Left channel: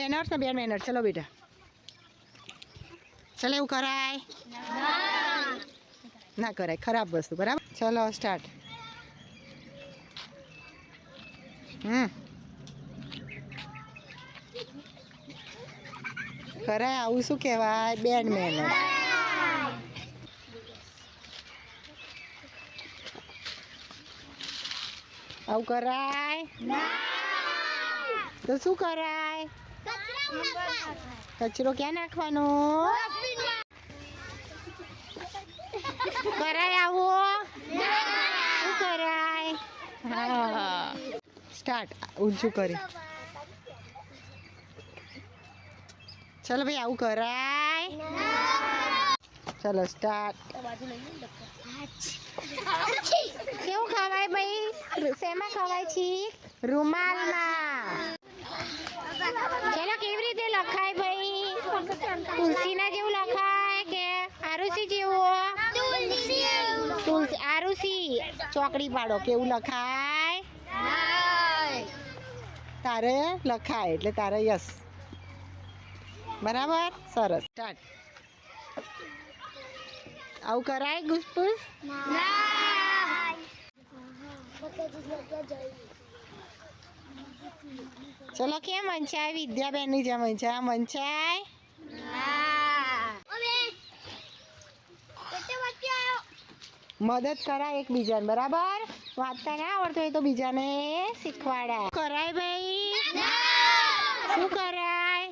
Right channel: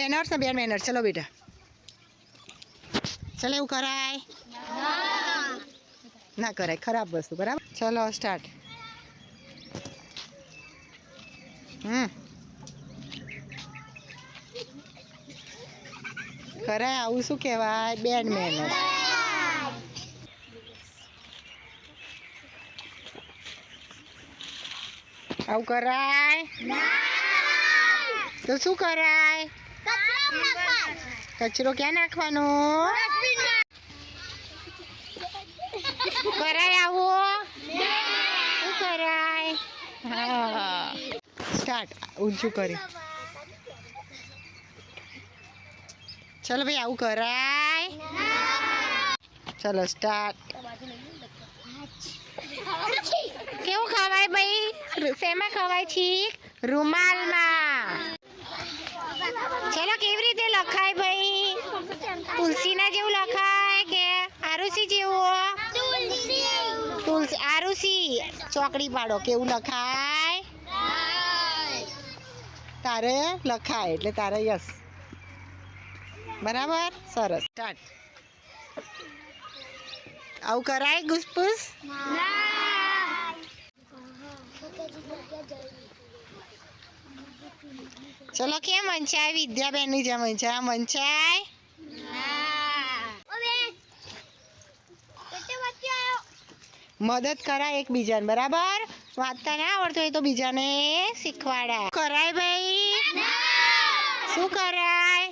Banners ને બેન banners. ચલો બેટા, ચલો એવું કરાય ના કરાય, ખરાબ વસ્તુ. બરાબર, ચલો સ્ટાર્ટ. કરાય આવું શું કહેવાય? બેન મેનર્સ. આવું કરાય તો શું કરાય? કચરો ક્યાં નાખવાનો? કરાય આવું? શું કરાય? હા, સ્ટાર્ટ. ઊંચું કરી. ચલો ભાઈ, આવું કરાય? ચલો સ્ટાર્ટ. કેવું ખવાય ભાઈ? શેમાં ખવાય છે? રૂમાલમાં. ચલો, કેવી રીતે લખાય ભાઈ? તુલસીના જેવું લખાય કે આરુષી જેવું? તુલસી આરુષી ચોકડી પાડો. કેવું લખાય? તારે લખાય એટલે તારે યસ. બરાબર, સરસ. સ્ટાર્ટ. આવું કરાય ઘૂસપૂસ? ચલો, કેમ વંચાય? વિદ્યાબેનની જેમ વંચાય. વંચાય મદદ કરાય એકબીજાને. બરાબર, વાંચતા ના આવડતું હોય તો બીજાને શીખવાડાય. કરાય ભાઈ? શું કરાય?